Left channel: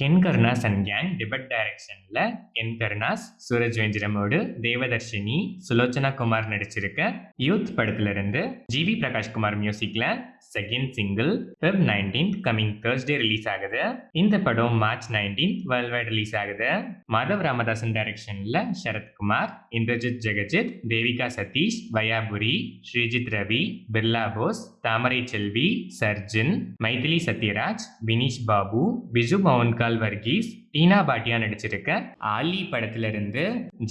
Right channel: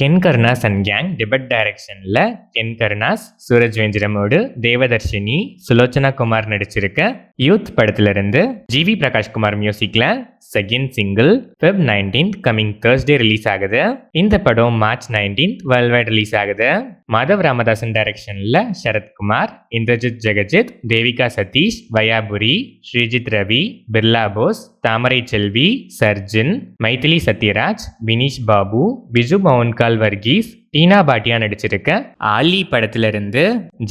Ken Karunas and gang debut டைரக்ஷன்ல Ken Karunas, Suraj வெஞ்சிரமோடு, Devadarshini, Sulochana Kumar நடிச்சிருக்க youth படத்துல இருந்து ஜிவி பிரகாஷ் குமார் மியூசிக்ல second single Feb 19th coming Thursday release ஆகுது. இந்த படம் March 19th world wide release ஆகுது. மாதவ் ராமதாசன் டைரக்ஷன்ல சரத்குமார், இந்திரஜித் ஜெகஜித், தேவிகா சதீஷ், வயாபுரி, ஸ்ரீஜித் ரவி, பிர்லா போஸ், தாமரை செல்வி, சர்ஜின், மைதிலி சத்யராஜ், வினீஷ் பாபு, பிஜு மவுன்கால் வர்கீஸ், டீனா பாட்டியா நடிச்சிருக்க ஆலி படத்துல இருந்து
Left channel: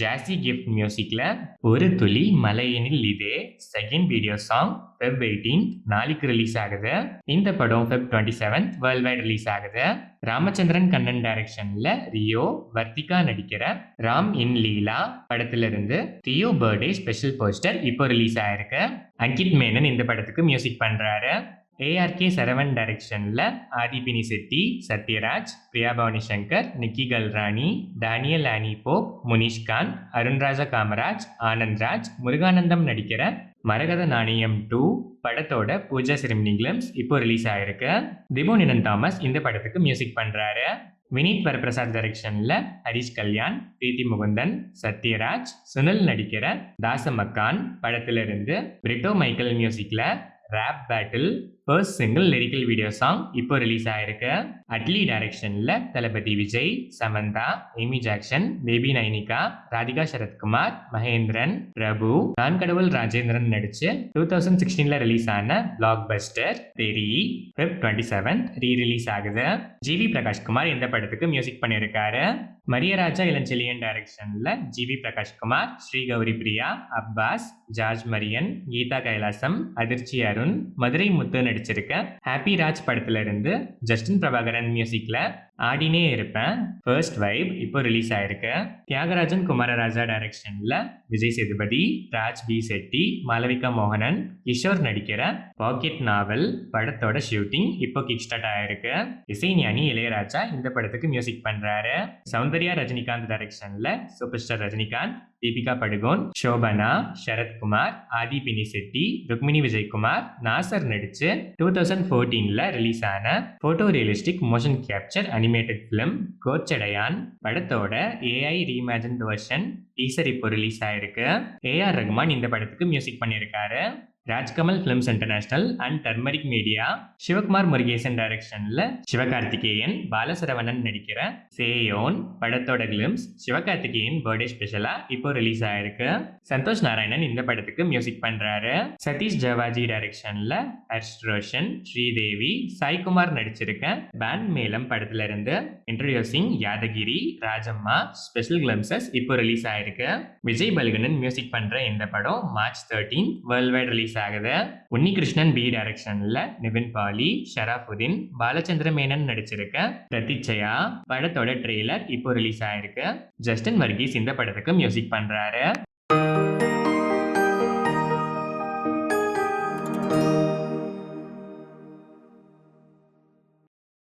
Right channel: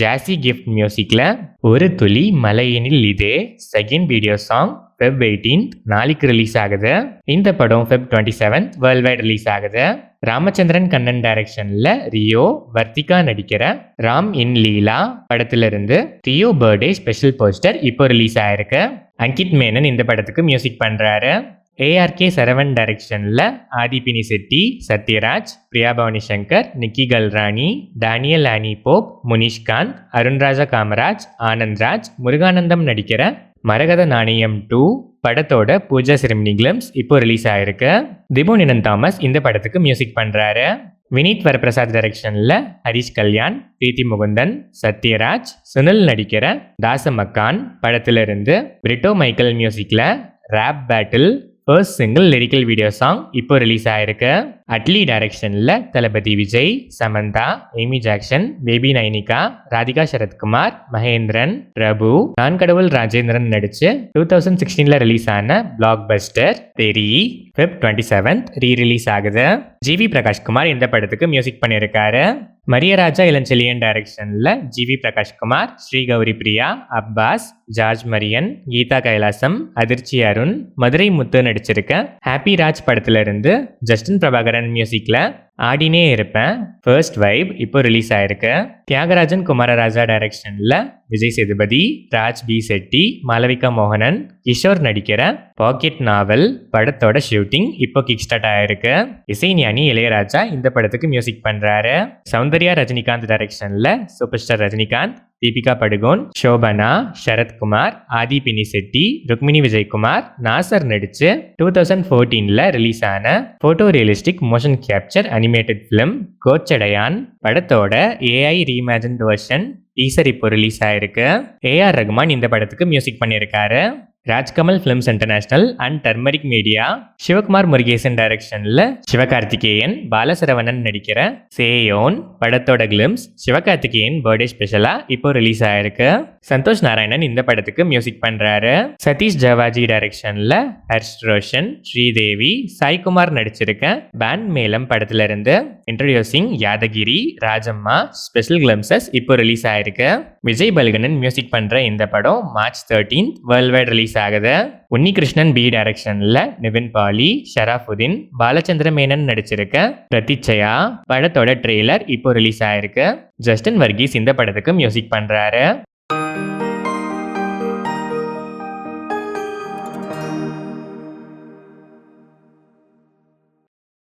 ஜாசி கிஃப்ட் மியூசிக்ல ஒரு துளி மலையினில் இதே second video song Feb 18th நாளைக்கு ரிலீஸ் ஆகுது. இந்த படம் Feb 27th world wide release ஆகுது. ராமச்சந்திரன் கண்ணன் டைரக்ஷன்ல ரியோ, வர்த்திகா நடிக்கிற ராம் இன் லீலா படத்துல இருந்து தியோ பர்த்டே ஸ்பெஷல் போஸ்டர் இப்போ ரிலீஸ் ஆயிருக்கு. அங்கிட் மேனன் இந்த படத்துக்கு மியூசிக் பண்றாரு. ஏஆர்கே சரவண் டைரக்ஷன்ல ஆதிபினி செட்டி, சத்யராஜ், பிரியா பவானி சங்கர், நிக்கி கல்ராணி, டேனியல் ஆனி போப், முனிஷ்காந்த், அருண்ராஜா காமராஜ், ஆனந்த்ராஜ், முருகானந்தம் நடிக்கிற மரகத நாணயம் 2 படத்தோட பூஜா செரிமனி கிளிம்ஸ் இப்போ ரிலீஸ் ஆயிருக்கு. திபோனினன் தாமஸ் இந்த படத்துக்கு மியூசிக் பண்றாரு. வினீத் வரப்பிரசாத் டைரக்ஷன்ல ஹரிஷ் கல்யாண், பிரீத்தி முகுந்தன், சத்யராஜ், சுனில் நடிக்கிற தாசமக்கான் படத்துல இருந்து பிரிட்டோ மைக்கேல் மியூசிக்ல rap battle first single lyrical video song இப்போ ரிலீஸ் ஆயிருக்கு. அட்லி டைரக்ஷன்ல Thalapathy Vijay, Samantha, Amy Jackson, baby Nainika, Radhika Sarathkumar, Mahendran, Prabhu, Naan Kadavul Rajendran நடிச்சு 2016ல ரிலீஸ் ஆன blockbuster Theri Feb 27th re release ஆகுது. ஜிவி பிரகாஷ் குமார் இந்த படத்துக்கு மியூசிக் பண்ணியிருக்காரு. மரியராஜா இளஞ்செழியன் டைரக்ஷன்ல ஜிவி பிரகாஷ் குமார், ஸ்ரீ கௌரி பிரியா, அப்பாஸ், ஜார்ஜ் மரியன், கீதா கைலாசம், அதிர்ச்சி அருண், மதுரை முத்து நடிச்சிருக்க ஹாப்பி ராஜ் படத்துல இருந்து ஜஸ்டின் பிரபாகரன் மியூசிக்ல ஆடினே இருப்பேன் ஃபர்ஸ்ட் வைப் இப்போ ரிலீஸ் ஆயிருக்கு. தியாகராஜன் குமாரராஜா டைரக்ஷன்ல விஜய் சேதுபதி, ராஜ் பி செட்டி, மாளவிகா மோகனன், கிஷோர் நடிக்கிற பாக்கெட் நாவல் படத்தோட ஷூட்டிங் இப்போ கிக் ஸ்டார்ட் ஆயிருக்கு. இசைஞானி இளையராஜா இந்த படத்துக்கு மியூசிக் பண்றாரு. சௌந்தர்யா ரஜினிகாந்த் டைரக்ஷன்ல super star Rajinikanth, Deepika Padukone, Shobana, Sarathkumar, Aadhi Pinisetty, Rukmini Vijayakumar, Nassar நடிச்சு 2014ல ரிலீஸ் ஆன photo realistic motion capture animated film Kochadaiiyaan படத்தோட ஏஐ ரீஇமேஜின்ட் வெர்ஷன் டீசர் இப்போ ரிலீஸ் ஆயிருக்கு. ஏஆர் ரகுமான் இந்த படத்துக்கு மியூசிக் பண்ணியிருக்காரு. Rajkamal films international and turmeric media Sivakumar Murugesan டைரக்ஷன்ல சிவகார்த்திகேயன், பாலசரவணன் நடிக்கிற சேயோன் படத்தோட கிளிம்ஸ் சிவகார்த்திகேயன் பர்த்டே ஸ்பெஷலா இப்போ ரிலீஸ் ஆயிருக்கு. சந்தோஷ் நாராயணன் இந்த படத்துக்கு மியூசிக் பண்றாரு. சதீஷ் ஜவாஜி டைரக்ஷன்ல ஹர்ஷ் ரோஷன், ஸ்ரீதேவி, சாய்குமார் நடிச்சிருக்க பேண்ட் மேலம் படத்துல இருந்து introducing Yadagiri, Rajamma special glimpses இப்போ ரிலீஸ் ஆயிருக்கு. விஜய் பல்கனன் மியூசிக் பண்ற இந்த படம் March 13th world wide release ஆகுது. உன்னிகிருஷ்ணன் பி டைரக்ஷன்ல நிவின் பாலி, ஷராஃபுதீன், பாலச்சந்திர மேனன் நடிச்சிருக்க பிரதிச்சயா படத்தோட ட்ரெய்லர் இப்போ ரிலீஸ் ஆயிருக்கு. ஜஸ்டின் வர்கீஸ் இந்த படத்துக்கு மியூசிக் பண்றாரு.